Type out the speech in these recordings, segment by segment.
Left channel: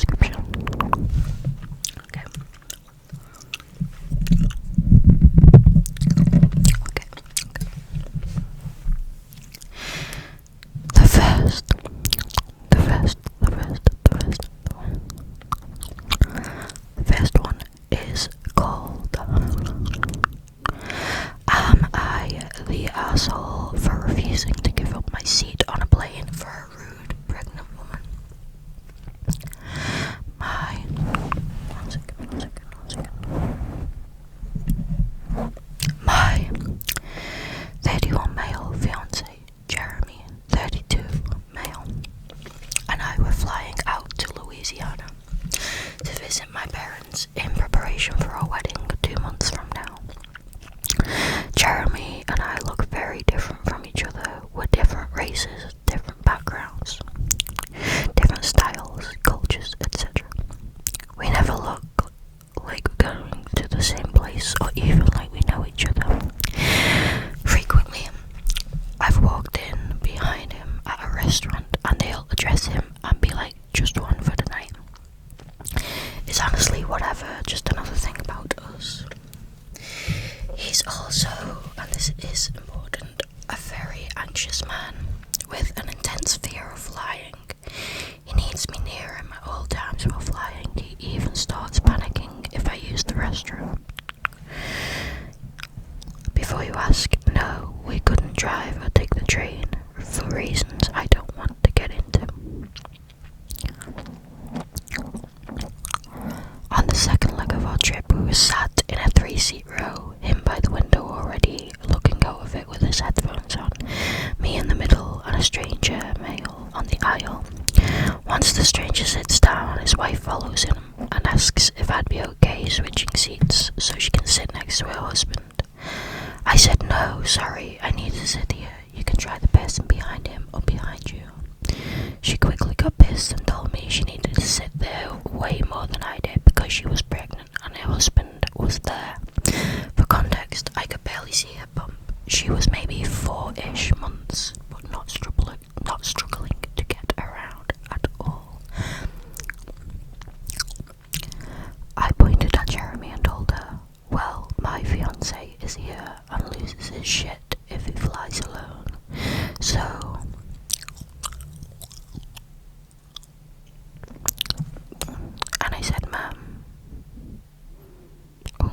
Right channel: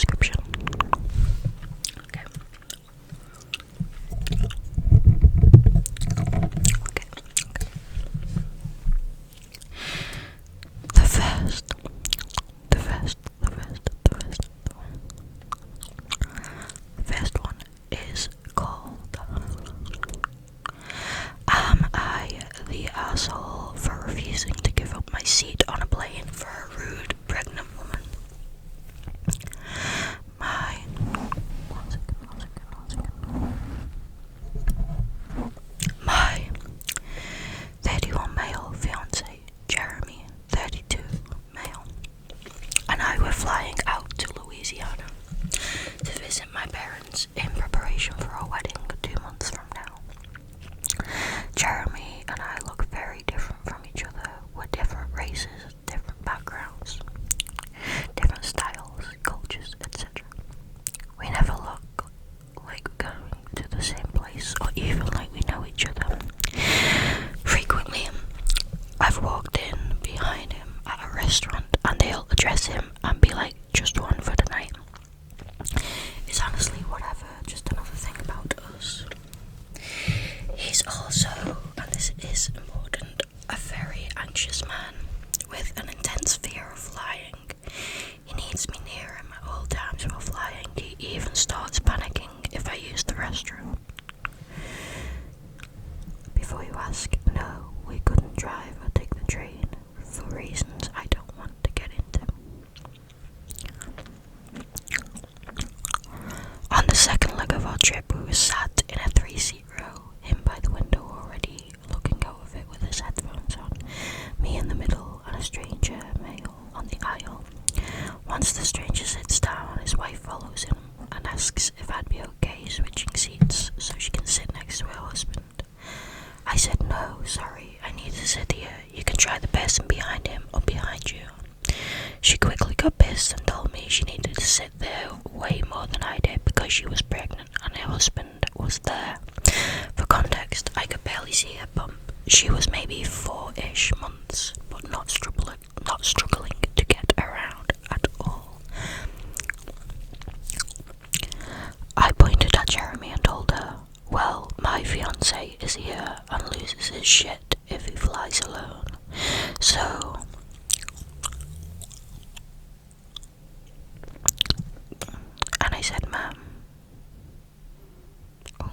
description. Okay. The first one is called Am I the asshole for refusing to give up my seat on a plane for a rude pregnant woman? My 31 male fiance, Jeremy, 32 male, and I were flying out to Louisiana to visit my parents in preparation for our wedding 2 months from now. Jeremy and I look very different from each other. We're different races, different backgrounds, different styles, cultures, etc. We never look like we're going to the same place or even like we know each other. Frequently, I've walked in behind him at a restaurant and they'll address him and be like, just one for the night. It's honestly whatever, just another thing about us. He's also, and this is important, a very anxious man with an intense fear of flying. He needs me near him at all times while flying. He even starts panicking if I use the restroom. Before you ask, no, we couldn't drive or take the train for reasons I don't want to get into. On the second leg of our trip, we were sat in a 3-seat row, him by the window already looking out of it with his headphones on, me in the middle and a stranger male on the aisle. Once the stranger sits down, his wife follows him and asks if I'd be okay switching seats so she can sit next to her husband. I said no, sorry, I need to sit here. You can try the person behind him or behind you. She quickly got pissed and told me she needed to sit there way more than I did because she was pregnant and her husband was there. For context, I could barely see her bump. She was maybe 4-ish months, but not struggling to get around at all. I pointed at Jeremy and told her, well, my fiance is here and loses his shit if he flies alone. So, and I said, ma'am. Oh.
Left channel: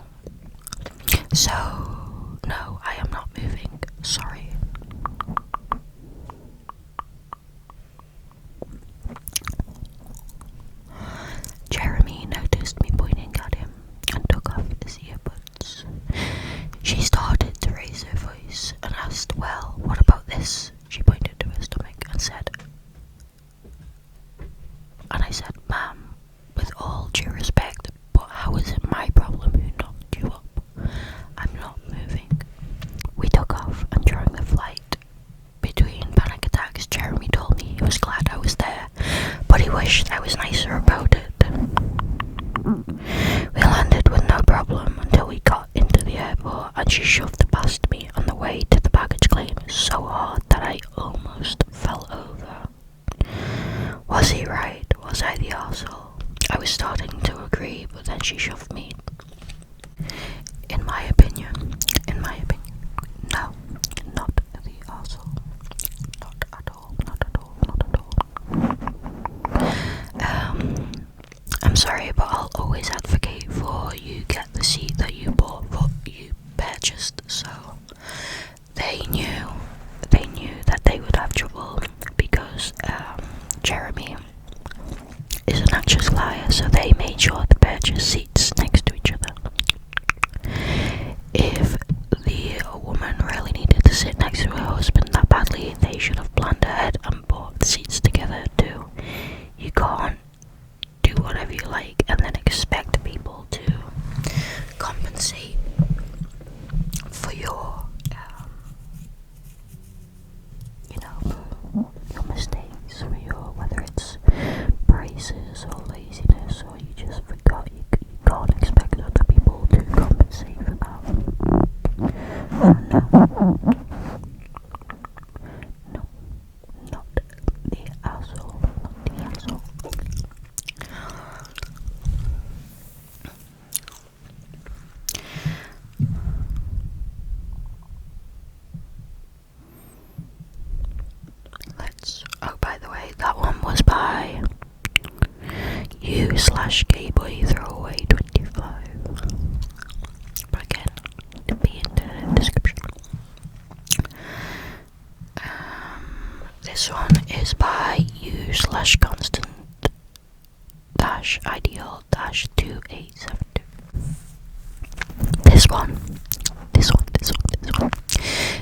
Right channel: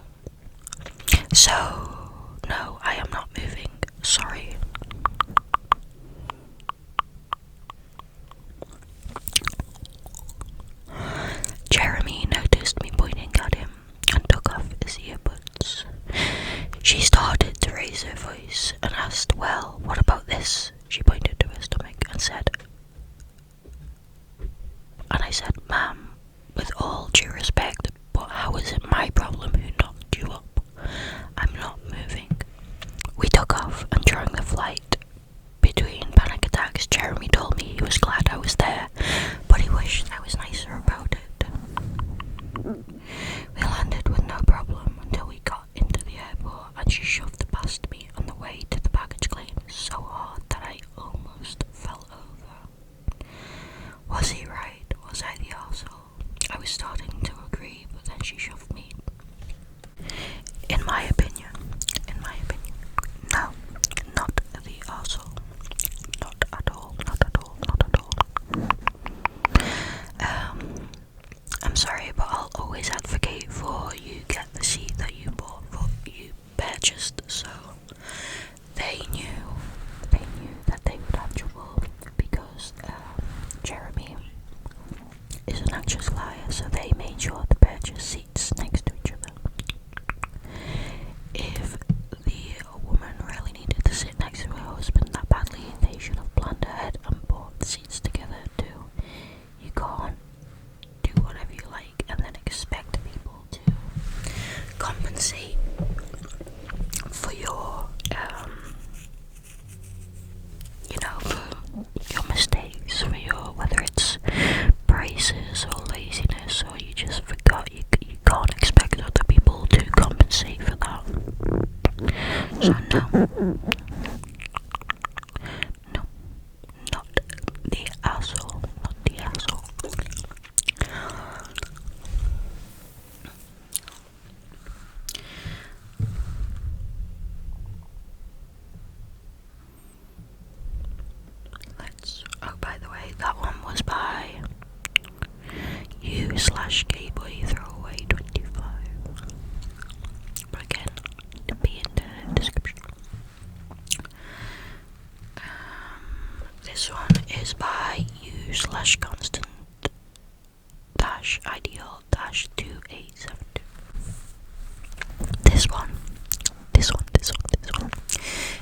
So, no, I am not moving. Sorry. Jeremy noticed me pointing at him and took off his earbuds. She started to raise her voice and asked, well, what about this? She pointed to her stomach and said, and I said, ma'am, with all due respect, but how is it my problem who knocked you up? I'm not moving. We took off, and during the flight, between panic attacks, Jeremy told me he was glad I was there, but he wished I was nicer about it. We landed with no problem until we got into the airport, and she shoved past me on the way to the baggage claim so hard that I almost fell over. Was he right? Was I the arsehole? I was starting to agree, but then she shoved me. In my opinion, no, not the arsehole. Not at all. I'm sorry, but I'll always advocate for you get the seat that you bought, what you purchased. So they knew that they would have trouble because Jeremy is an anxious liar, so they made sure to purchase seats next to each other. If the woman really needed to sit next to her husband that badly, they should have planned ahead and bought the seats together too. You can't do whatever you like and then expect people to compensate for your for your mistakes, for your, whether it's prices or laziness or you just forgot, you u/gayboy throwaway 25. But again, it'll be in the description. This one is by u/constant-ideal-2872. This one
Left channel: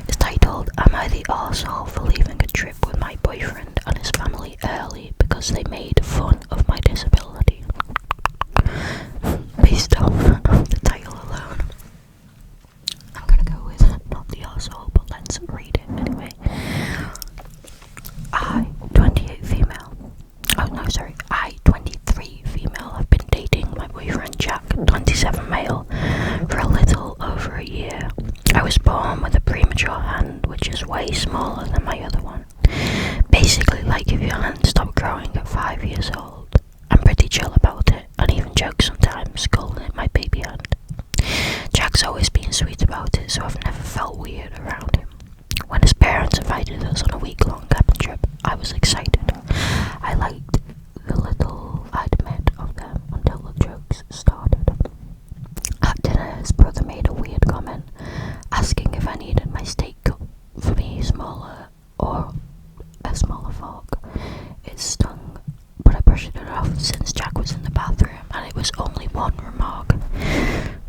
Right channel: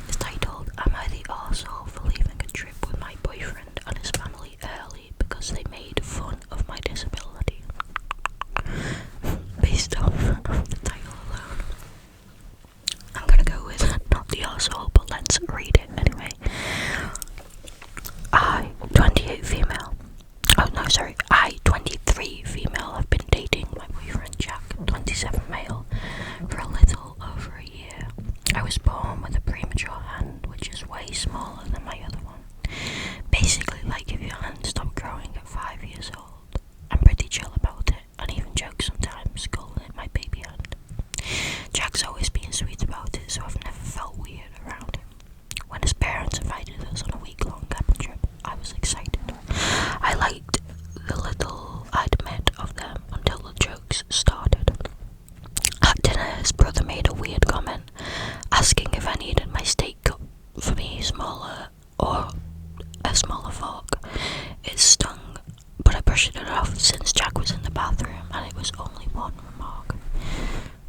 is titled, Am I the arsehole for leaving a trip with my boyfriend and his family early because they made fun of my disability? Based off the title alone, I'm gonna go with not the arsehole, but let's read it anyway. I, 28 female. Oh no, sorry. I, 23 female, have been dating my boyfriend Jack, 27 male, for a little over a year. I was born with a premature hand, which is way smaller than my other one. Basically, like if your hand stopped growing at 5 years old. I'm pretty chill about it, and even joke sometimes, calling it my baby hand. Jack's always been sweet about it, so I've never felt weird around him. When his parents invited us on a week-long cabin trip, I was excited. I liked the little I'd met of them until the jokes started. At dinner, his brother made a weird comment, asking if I needed my steak cut for me smaller or a smaller fork. It stung, but I brushed it off since Jack was in the bathroom, and it was only one remark.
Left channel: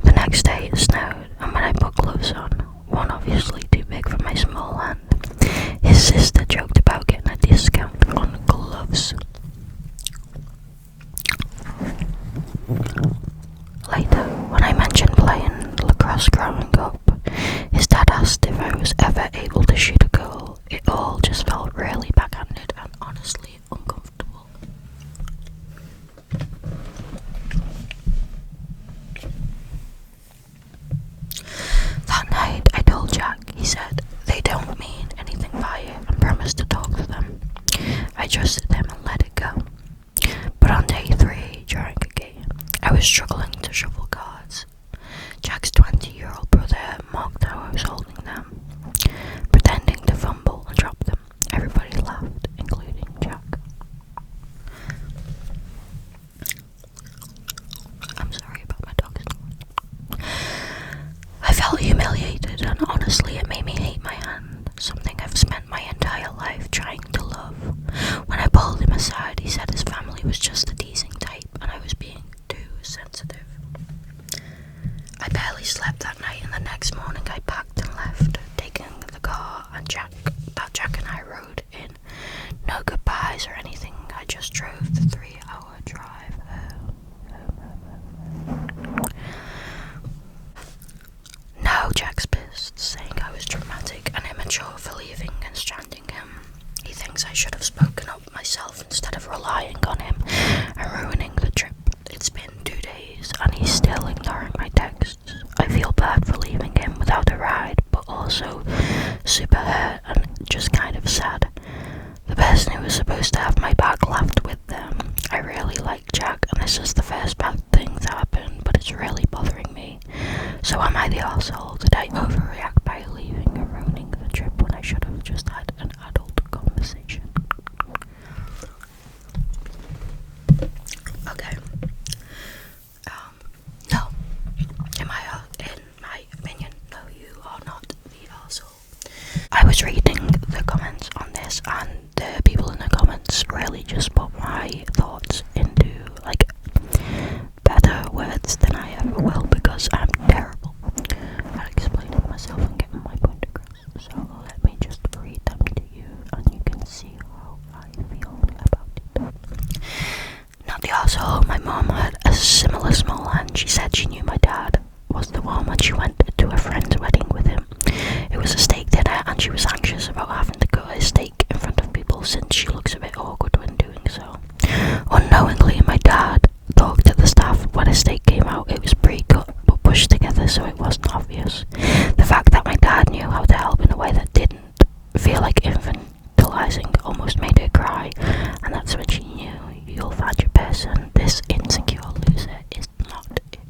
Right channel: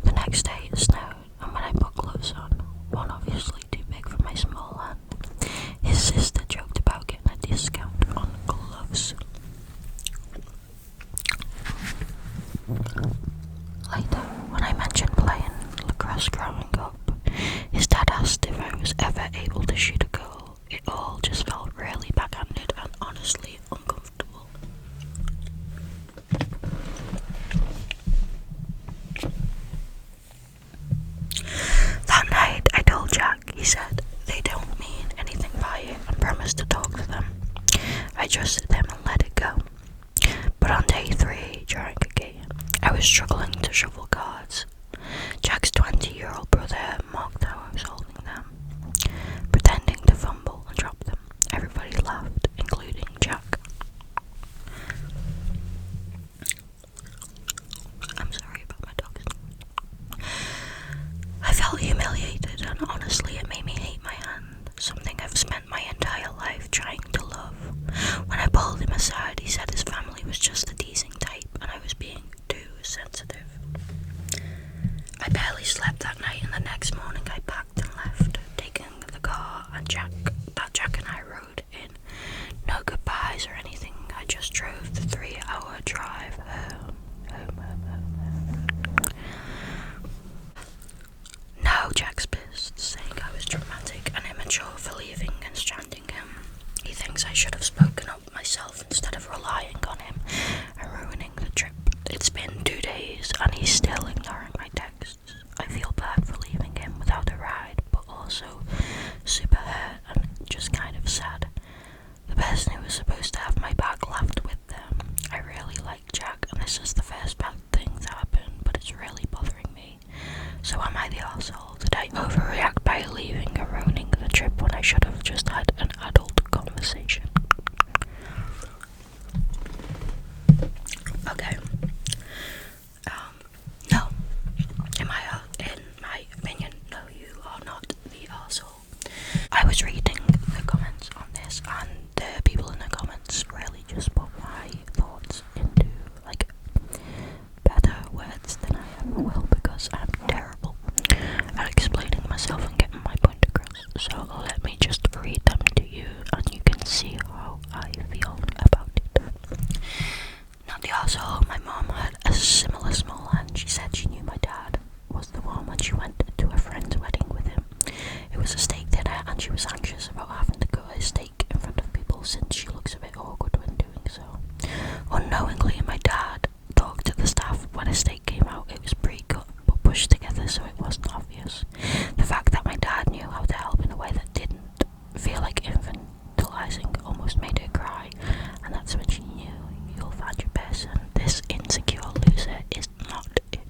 The next day it snowed, and when I put gloves on, one obviously too big for my small hand, his sister joked about getting a discount on gloves. Later, when I mentioned playing lacrosse growing up, his dad asked if I was ever able to shoot a goal. It all just felt really backhanded and honestly uncomfortable. That night, I told Jack. He said they don't mean anything by it and promised to talk to them. I trusted him and let it go. But on day 3, during a game, I was struggling to shuffle cards. Jack's 20-year-old brother mocked how I was holding them, pretending to fumble and drop them. Everybody laughed, including Jack. I'm sorry about my dog's noise. I felt humiliated, and honestly it made me hate my hand, something I've spent my entire life trying to love. When I pulled him aside, he said his family was just a teasing type and I was being too sensitive. I barely slept that night, and the next morning I packed and left, taking the car and Jack and I rode in. No goodbyes or anything, I just drove the 3-hour drive home. Now Jack's pissed, saying I was dramatic and immature for leaving and stranding him. He thinks I should have spoken up myself instead of relying on him and ruining the trip. It's been 2 days and he's still ignoring my texts. I feel bad for leaving him without a ride, but also super hurt and just kind of sad. The person who was supposed to have my back laughed with them. I really like Jack, and this is the first bad thing to happen, but it's really bothering me. So am I the arsehole? Did I overreact by leaving and ruining the trip when I should have just had an adult conversation? Okay. No. In my opinion, no, you are not the arsehole. I was reading the comments on this, and the people in the comments really just put my thoughts into like better words than I ever will, because I'm terrible at explaining myself and getting my point across. So let me just read them to you, and you can see how I feel about it. Not the arsehole. My mom had a similar small hand. She said she knew my dad was the one when she went to a friend's wedding with him. It was a steak dinner, and she was anxious about having to cut his steak in front of people since she looks a bit awkward when doing so. Unknowingly, my dad talked to the staff when his steak came out. It was pre-cut but pushed together so it wasn't obvious. The fact that my dad knew how to help in a way that didn't feel like infantilizing almost made her cry, and that's when she knew, you'll find your person. This insecure loser is not it.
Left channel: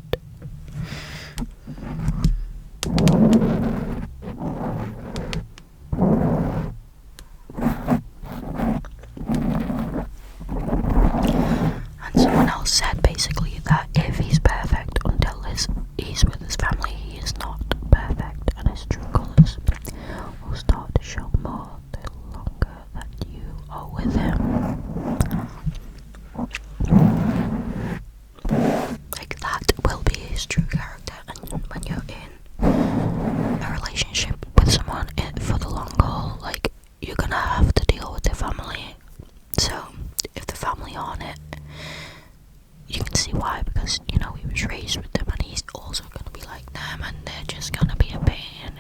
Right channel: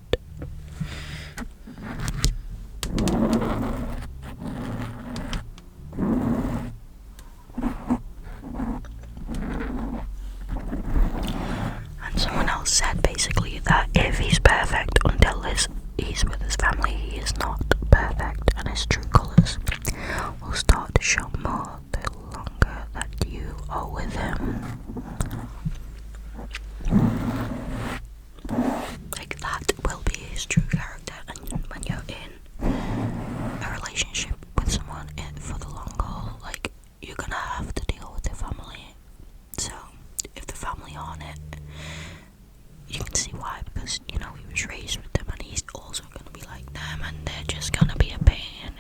you can see why, because, you know, he was raised with them and he's also going to be like them, and they're just going to be a pain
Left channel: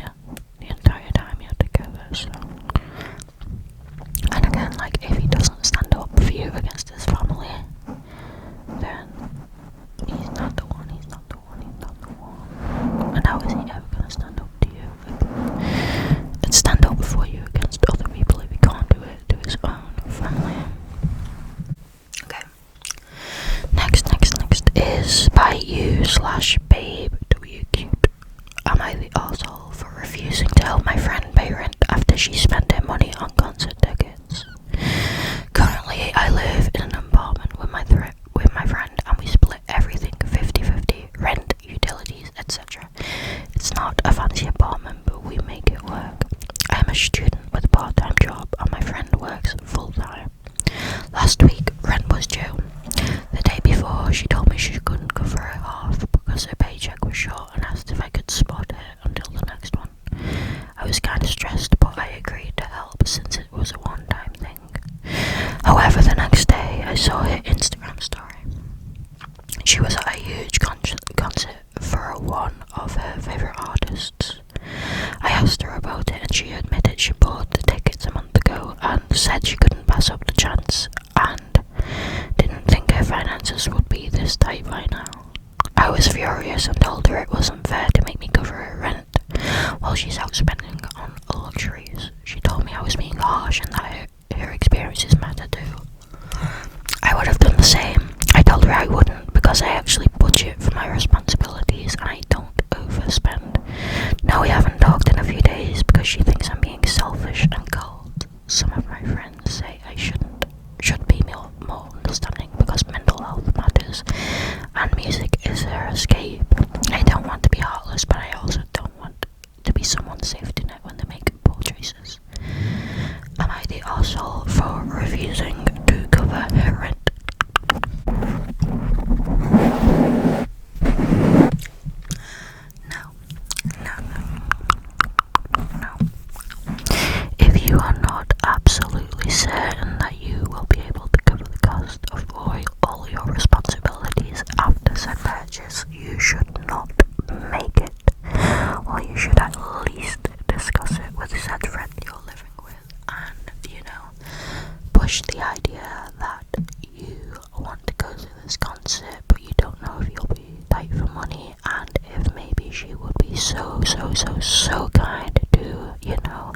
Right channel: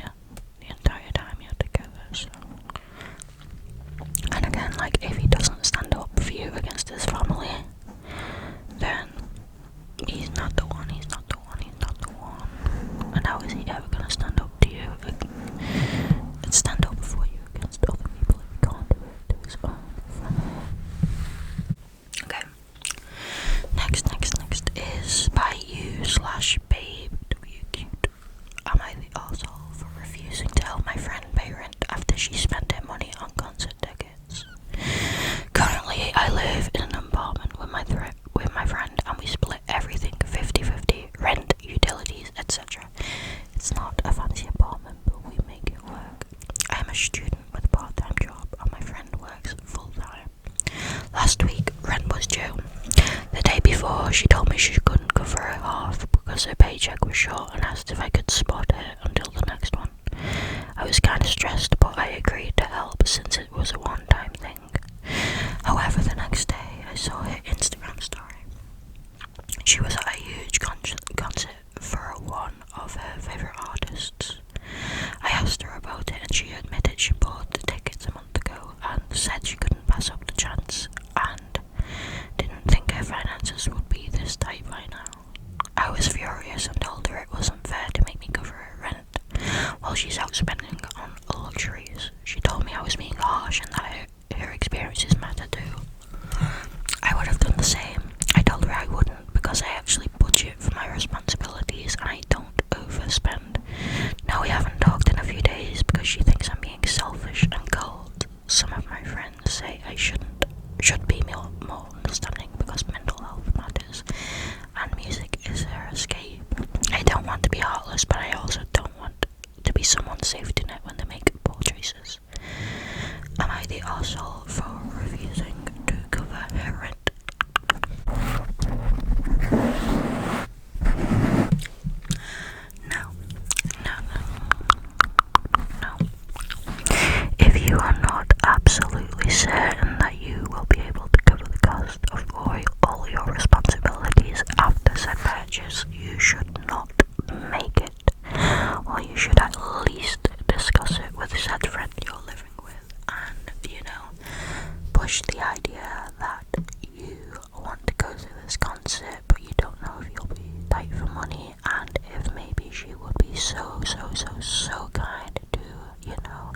the entire time you're together, so. And again, like, if he doesn't stand up for you against his family, then he's not the one, he's not the one, he's not the one. And how is he ever going to stand up to you and stand up for you against other people if he can't do it to his own family? Okay. Next is by you/babe W cute. Am I the arsehole for refusing to help my friend pay rent after she spent her money on concert tickets? Currently, I live in an apartment with my friend, and we split everything 50-50, rent, utilities, etc. It's not a fancy apartment, but we make it work. I am a student with a part-time job, and my friend works full-time. Last week, rent was due. The day before, she told me she couldn't cover her half because her paycheck was short, and asked if I could spot her until the next one. I was kind of stressed, but I agreed to help since it was a one-time thing. However, the next day, I saw her Instagram story. She was at a huge concert for one of her favourite artists. I asked her about it, and she admitted she bought the tickets a month ago and said she couldn't pass up the chance and didn't think her finances would be this tight by now. I was furious and told her it wasn't fair to make me cover her rent while she's out spending on luxuries. She told me I was being harsh and that her experiences matter too. I would have done the same. I told her I wouldn't because I actually budget for my responsibilities and I don't overspend. Now we haven't talked in a few days because she thinks I'm being selfish and cold. Some of my friends say I should be more understanding because mental health matters and music is her escape. I don't want to be heartless, but I also don't want to be someone's safety net when they make poor choices. Am I the arsehole for refusing to cover her rent? No. If you are not absolutely certain that you will be able to cover the cost of all your responsibilities after said purchase, you should not make it, or you should at least discuss it with said friend you're living with, and, you know, push the idea that you want to go to this concert, but you don't know if you'll be tight for money, and if maybe she would be so kind to, you know,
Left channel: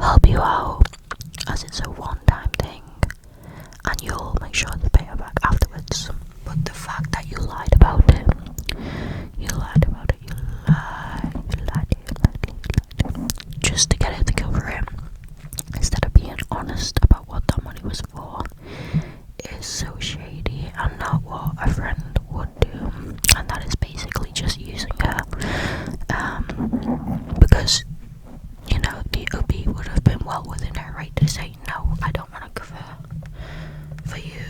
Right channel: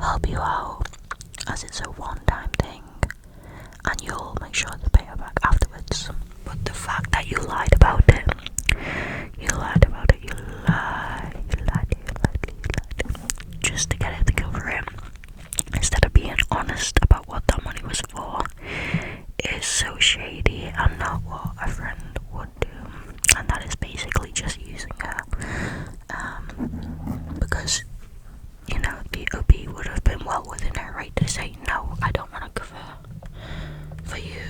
help you out, as it's a one-time thing, and you'll make sure to pay her back afterwards. But the fact that you lied about it, just to get her to cover it, instead of being honest about what that money was for, is so shady and not what a friend would do. And that is basically just using her, because, you know, the OB would have been well within her right to say, no, I don't want to cover for you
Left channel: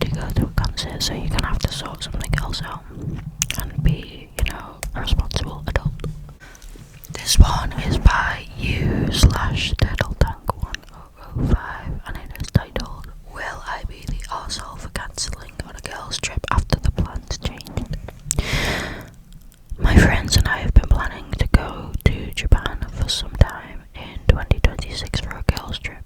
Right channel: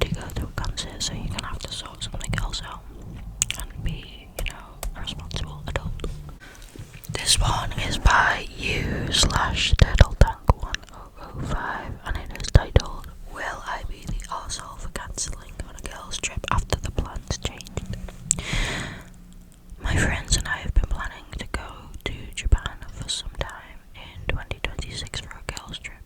to go to a concert, so you're gonna have to sort something else out and be, you know, a responsible adult. This one is by you/TurtleTank1005, and it is titled, Will I be the arsehole for cancelling on a girl's trip after the plans changed? My friends and I have been planning to go to Japan for some time in 2026 for a girl's trip.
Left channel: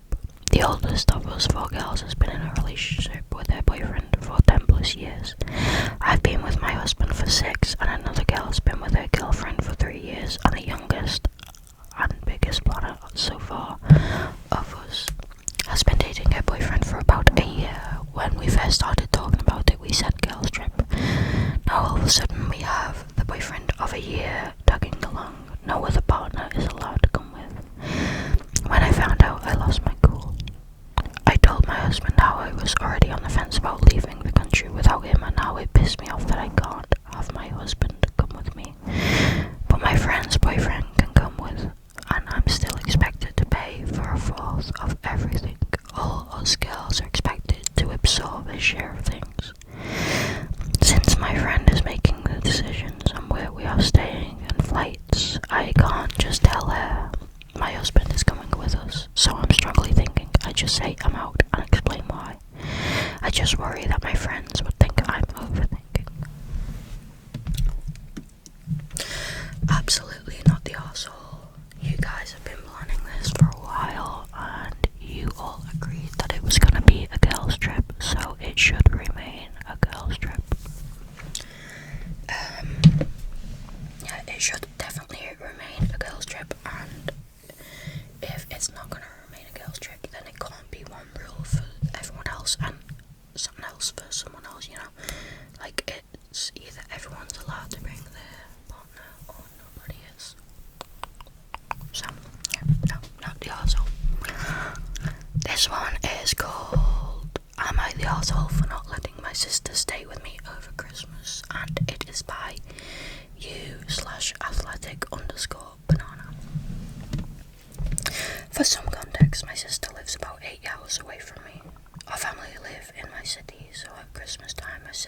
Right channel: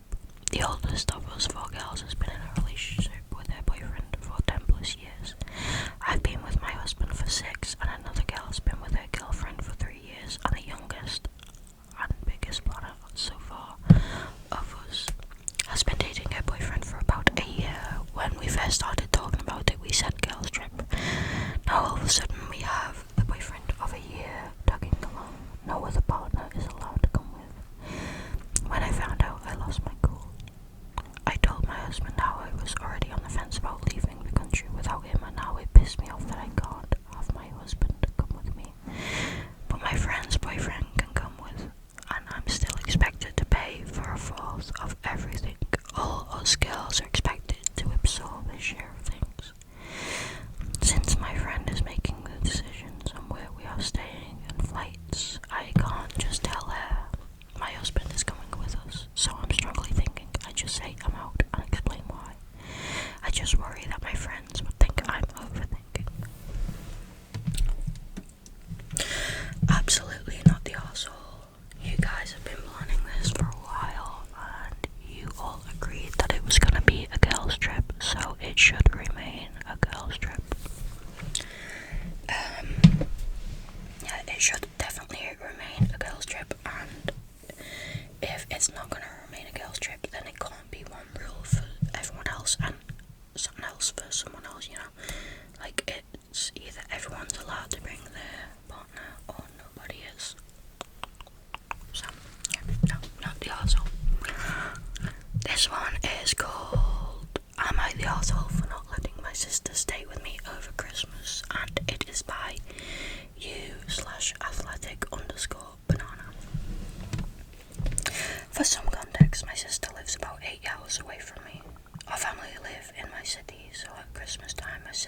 The oldest of us 4 girls has been in a relationship with her boyfriend for 10 plus years. I've been with my husband for 6, and another girl has been with her girlfriend for 3 years, and the youngest and biggest planner so far of us has been dating her boyfriend for about a year. When we first started talking about it, we said girls trip. Now all of a sudden we have the boyfriend of a year tagging along. No other partner is allowed to come with. When I found out, I lost my cool. I told my husband how I was already on the fence about leaving the country without him, and how it pissed me off that I can't have my husband come with me. But my friend's boyfriend can come with, and I'm still expected to pay for a fourth of everything. All us girls are expected to absorb his share of things. Since my friend is making the decisions on where we are staying and flights, I can't just tell her my husband is coming with us. So I'm strongly thinking I just say I'm out and explain why. I just worry that my friends would think I'm over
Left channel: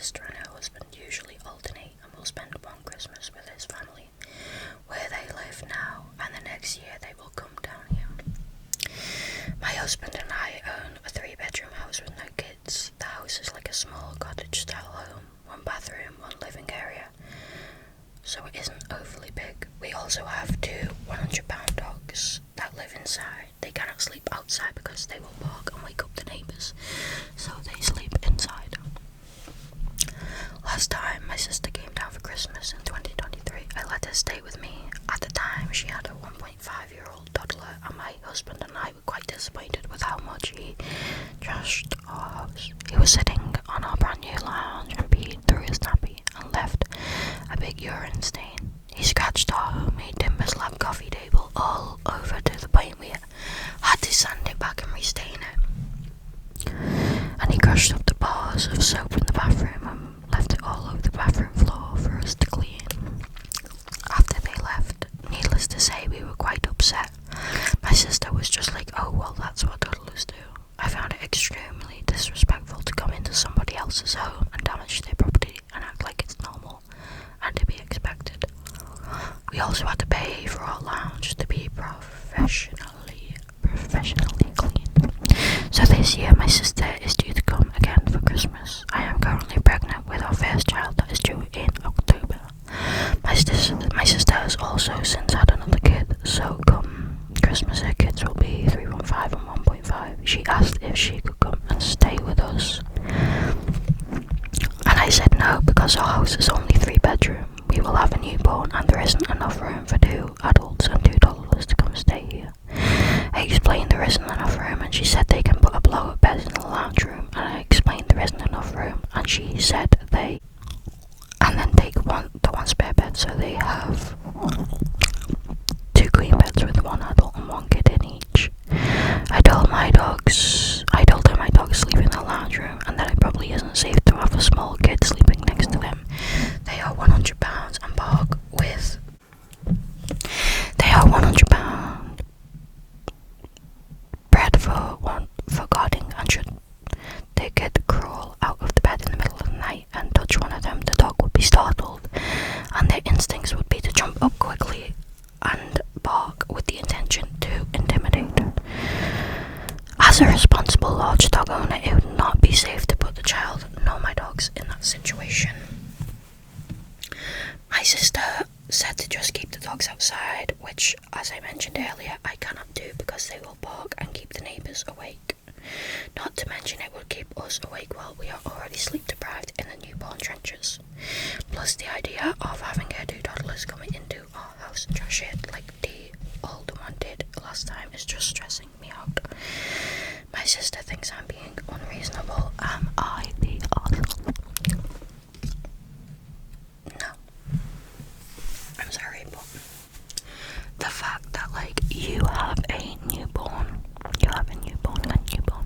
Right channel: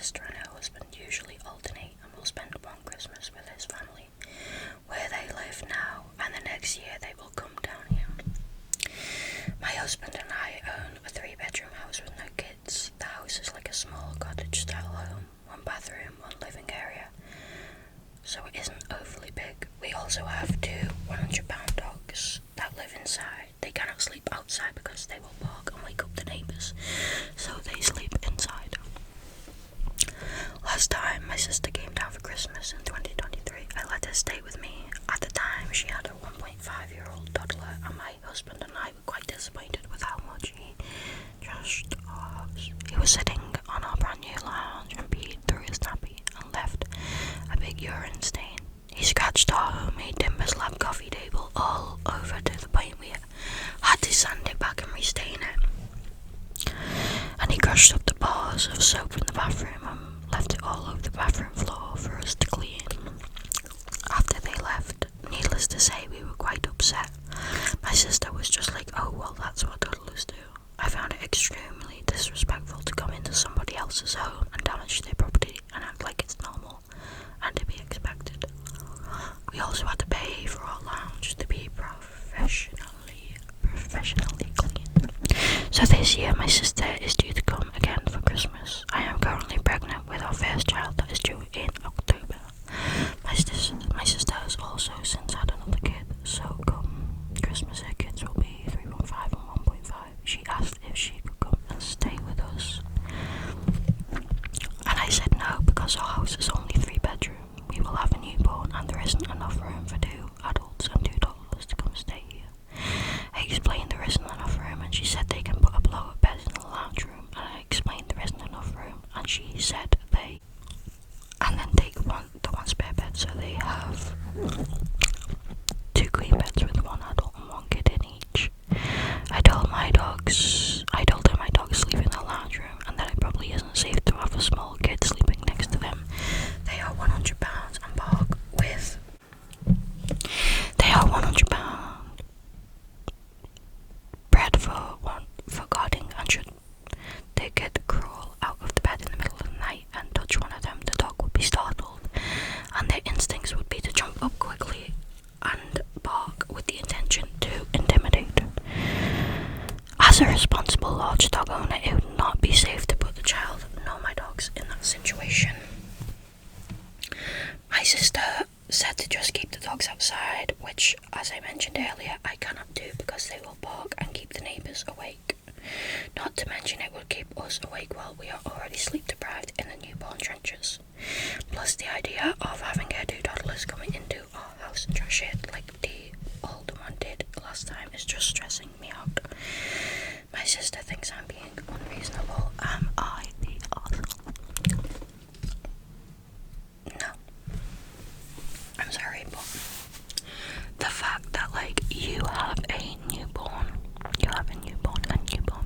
sister and her husband usually alternate and will spend one Christmas with his family where they live now, and the next year they will come down here. My husband and I own a 3-bedroom house with no kids. The house is like a small cottage-style home, 1 bathroom, 1 living area, so it isn't overly big. We also have 2 100-pound dogs that live inside. They cannot sleep outside because they will bark and wake up the neighbours, so they sleep inside. Last time my sister came down for Christmas in 2023, I let her stay with me. At the time, she had a 1.5-year-old toddler, and my husband and I were quite disappointed with how much he trashed our house. He was sitting on our brand new lounge and peed through his nappy and left a big urine stain. He scratched our homemade timber slab coffee table all over to the point we had to sand it back and restain it. And he crushed up the bars of soap in the bathroom and left it all over the bathroom floor for us to clean. After they left, needless to say, we were quite upset. My sister was just like, oh well, that's what toddlers do. I found it extremely disrespectful to come into somebody else's home and damage their property and act like it's normal and to be expected. We also had to pay for our lounge to be professionally clean. So this year my sister is due to come again for Christmas. I am currently pregnant with our first child that is due in October. My sister has also since had another kid, so come Christmas her kids will be 3.5 and 1.5. She asked if she could come and stay with us, and I said no because our house is only 3-bedroom. We will have a newborn and there isn't enough room for 2 adults and 2 toddlers to come stay here. I explained there isn't enough room and she said they can put a blow-up bed in the lounge room, and I explained there isn't enough room and she said they then take the one spare bed, so they have 2 queen beds with 1 adult and 1 kid in each. I told her my dogs sleep in the lounge room and that it probably isn't safe to have a small kid sleeping next to them. They are 100 pounds and bark with. They are 100 pound bred for guarding, and should they could crawl out of the bed in the middle of the night and touch one of them, the dog would be startled and their instincts would be to jump up quickly and bark with the intention to intimidate. As a responsible large dog owner, it would not be safe to put the child nor my dogs in that situation. My sister said to just keep the dogs outside, which, as I mentioned earlier, I cannot do because they will bark and keep the neighbours awake. Not to mention it would keep us awake while we are already sleep deprived in the newborn trenches. Plus the idea of having her 2 toddlers coming into our house and trash it like the older one did last time is just stressing me out. My sister thinks I'm being unreasonable. Am I the asshole? No. I'm sorry, but the fact that you have a newborn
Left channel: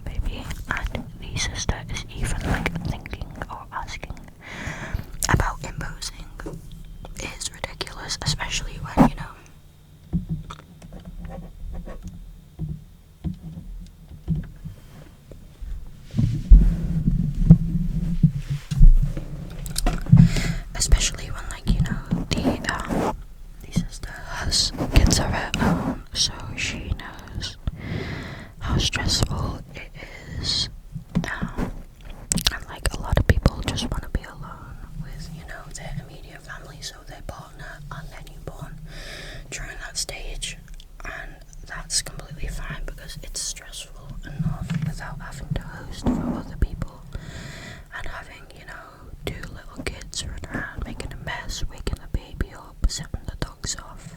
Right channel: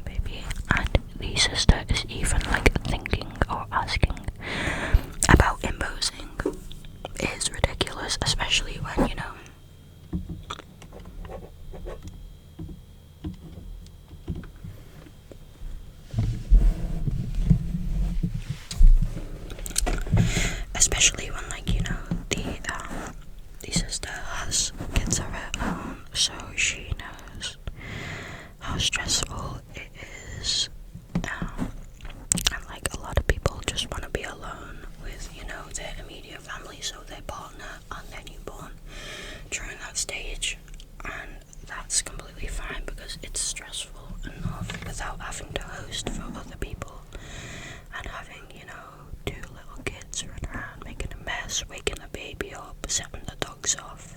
baby, and the sister is even thinking or asking about imposing is ridiculous, especially when the sister has kids of her own, so she knows how stressful it is. And a lot of people just want to be alone with their immediate family, so their partner and their newborn during that stage, and that's completely fine because it's stressful enough without having to host for other people and having 2 little kids running around making a mess, waking the baby up, setting the dogs off.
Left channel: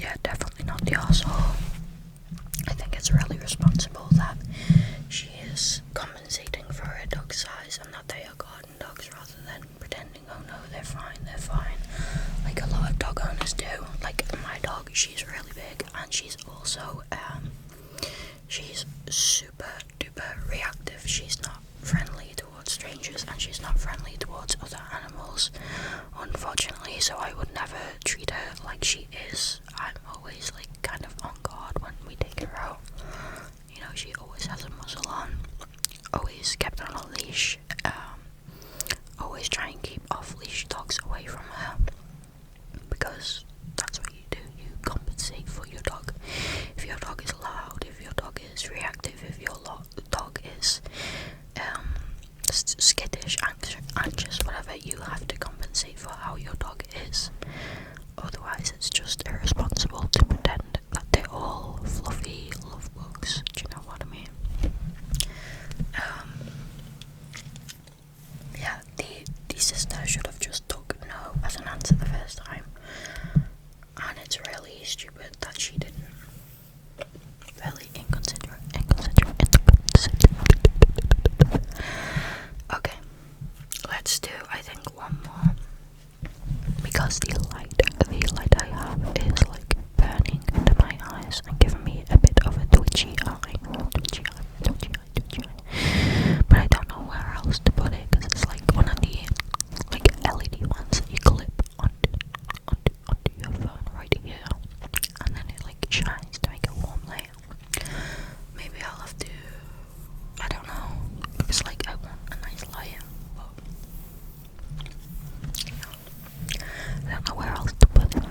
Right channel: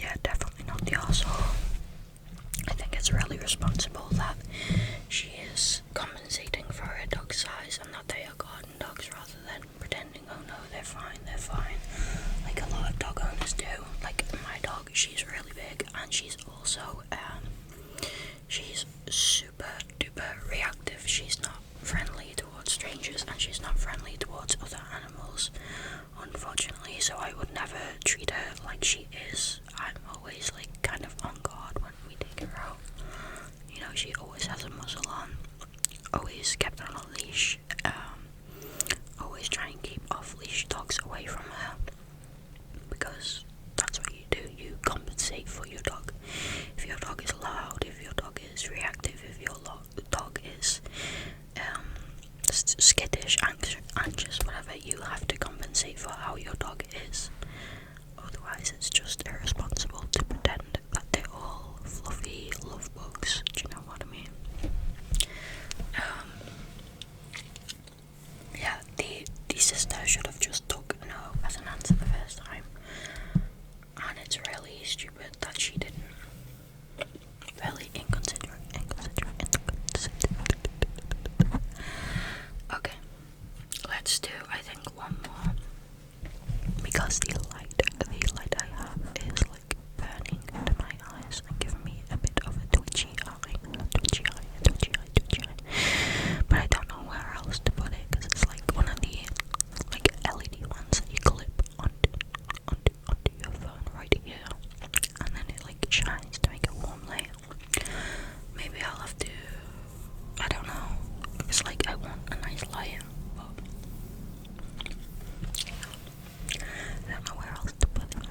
Yeah, definitely not the arsehole. I think it's really responsible that she is compensating for her dog size and that they are garden dogs rather than pretending, oh no, they're fine, like a lot of dog owners do. Like my dog, she's really big and she's also she's super duper reactive. She's not friendly towards strangers and she's not friendly towards other animals, unfortunately, so I would never treat her like she is. I'm always kind of on guard when we take her out. She always has a muzzle on. always kept on a leash. Always try and keep off-leash dogs away from her, because that's what you do. You compensate for your dog. If your dog is loud, if your dog is reactive, if your dog is skittish, anxious, whatever, you have to compensate for how your dog is. Otherwise, it's just irresponsible to pretend that they're all fluffy love bugs. Do you know what I mean? Yeah, the sister should have just took no as an answer the first time, and it's really stupid that she didn't. Really inconsiderate. Okay, let's do, I think, one more, because the light I have is like burning into my eyes and giving me a bit of a twitchy eye. But I don't know where else to put it, because it's like one of the like LED ones that you clip onto your phone right here, and then it like shines to make a warm light. Maybe I'll have to, I don't know, it's like I want a nice light, but I don't know where else to put it.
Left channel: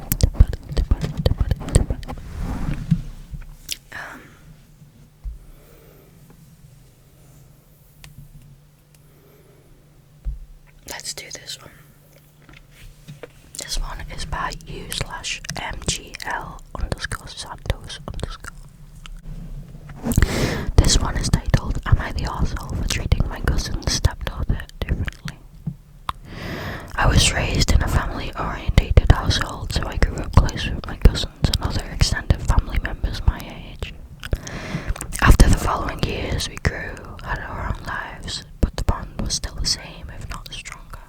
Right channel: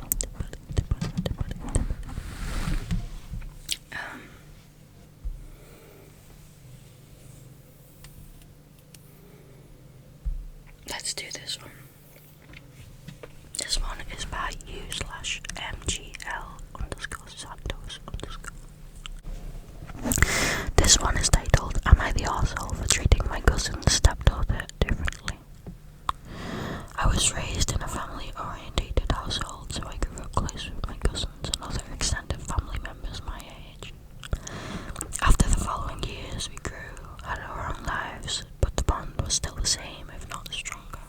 Let's do this one. This one is by u/mgl_santos_. This one is titled, "Am I the arsehole for treating my cousin's stepdaughter differently?" I was raised in a family-orientated household, so I grew up close with my cousins and other extended family members my age. After the following years, we grew, had our own lives, but the bond was still the same, if not stronger.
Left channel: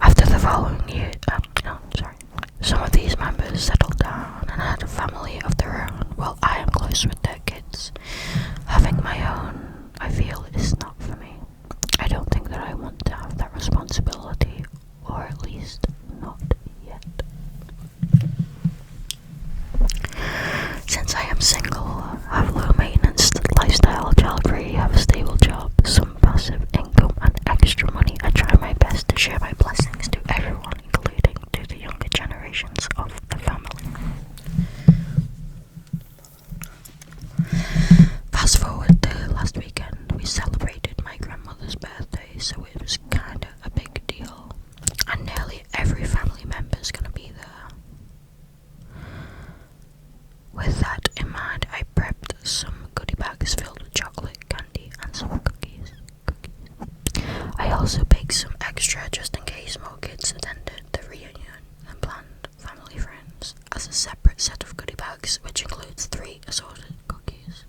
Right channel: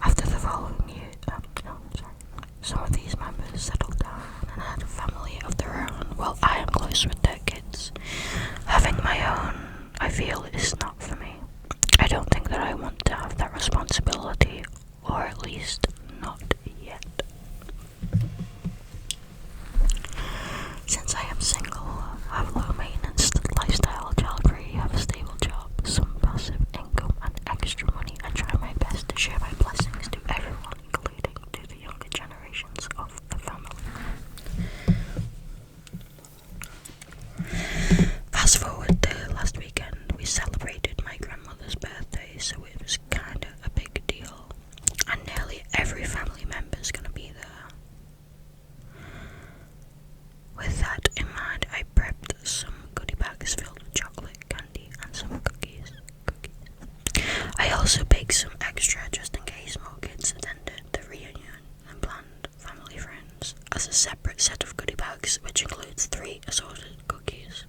After the following year, some of these members settled down and had a family of their own, while I am close with their kids. Having my own, I feel, is not for me. I don't think that I want to have that responsibility, or at least not yet. Since I am single, have low maintenance lifestyle, child-free, have a stable job, some passive income and extra money, I try my best to share my blessings to everyone, including to the younger generations of the family. Fast forward to last weekend, we celebrated my grandmother's birthday, so it was kinda a big deal, and nearly every family member is gonna be there. With that in mind, I prepped some goodie bags filled with chocolate, candy, and some cookies. I also baked some extra just in case more kids attended the reunion and planned family friends, as a separate set of goodie bags, which includes 3 assorted cookies.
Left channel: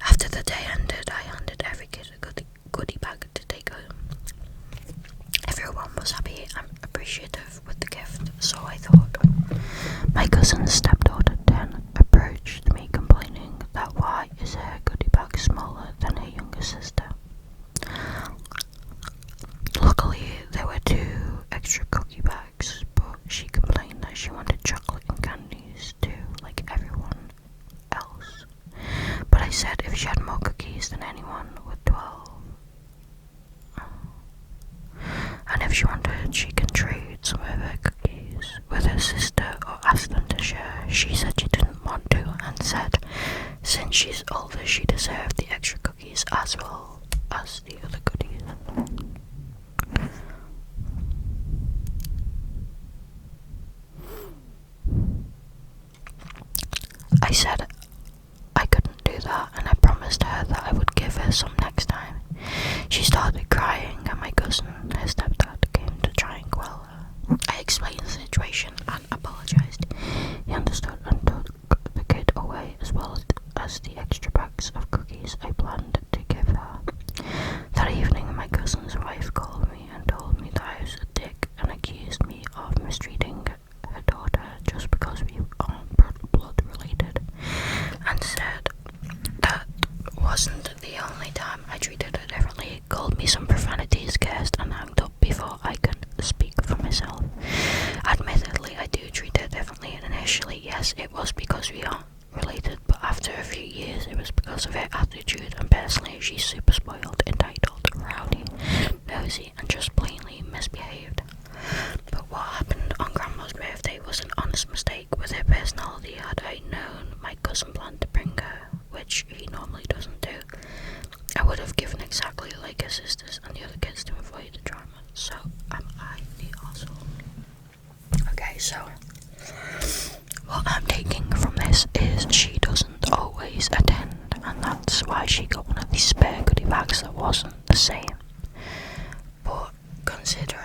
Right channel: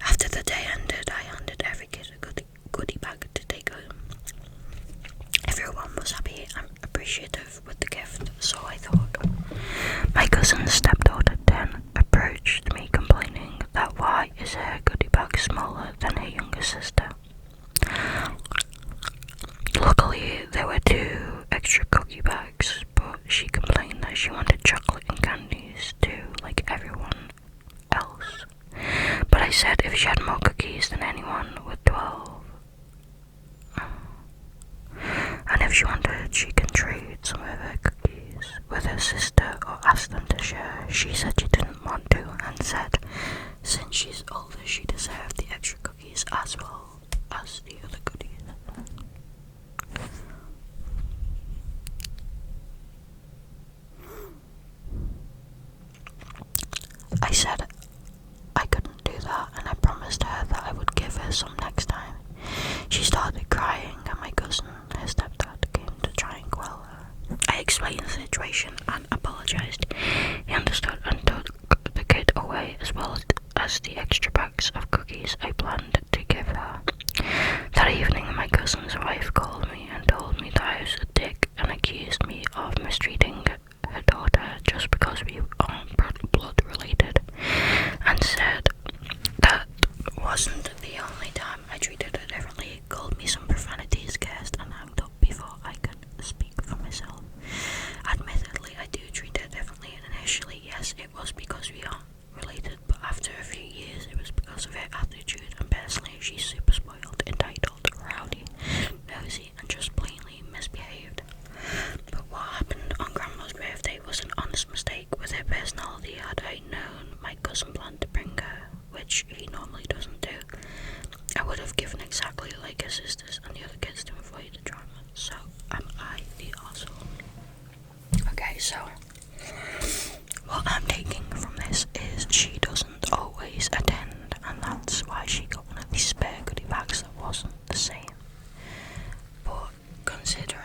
After the day ended, I handed every kid a goodie bag to take home. Everyone was happy and appreciative with the gift, so I thought. My cousin's stepdaughter then approached me, complaining that why is her goodie bag smaller than her younger sister. Luckily, there were 2 extra cookie bags, but she complained that she wanted chocolate and candies too, like everyone else. But I said if she had more cookies than anyone with 12, and if she wanted, she can trade some of her cookies with her sister or ask them to share. She said she didn't want to, and said since she's older, she deserved the extra cookies as well as the other goodies. I said I couldn't do that, and I promised her that I would give her some next time. She started crying, and my cousin, her stepdad, came to try and quell her. I explained the situation and apologised. He understood and took the kid away, as well as the extra bags of cookies I planned to give her. That evening, my cousin's wife called me and told me that I was a dick and accused me of mistreating her daughter just because we aren't blood related, and said that wasn't the only time I treated her differently. Called me some profanities, cursed, and hung up before I could speak for myself. Admittedly, I do treat her differently, and initially, yes, it was because we aren't related, but after a few years, it was because of her attitude and sisters and the other kids to avoid the drama. So am I the asshole? Okay, so what I'm taking from this is she doesn't always attend, and that's why she got one of these spare goodie bags that wasn't the same. But considering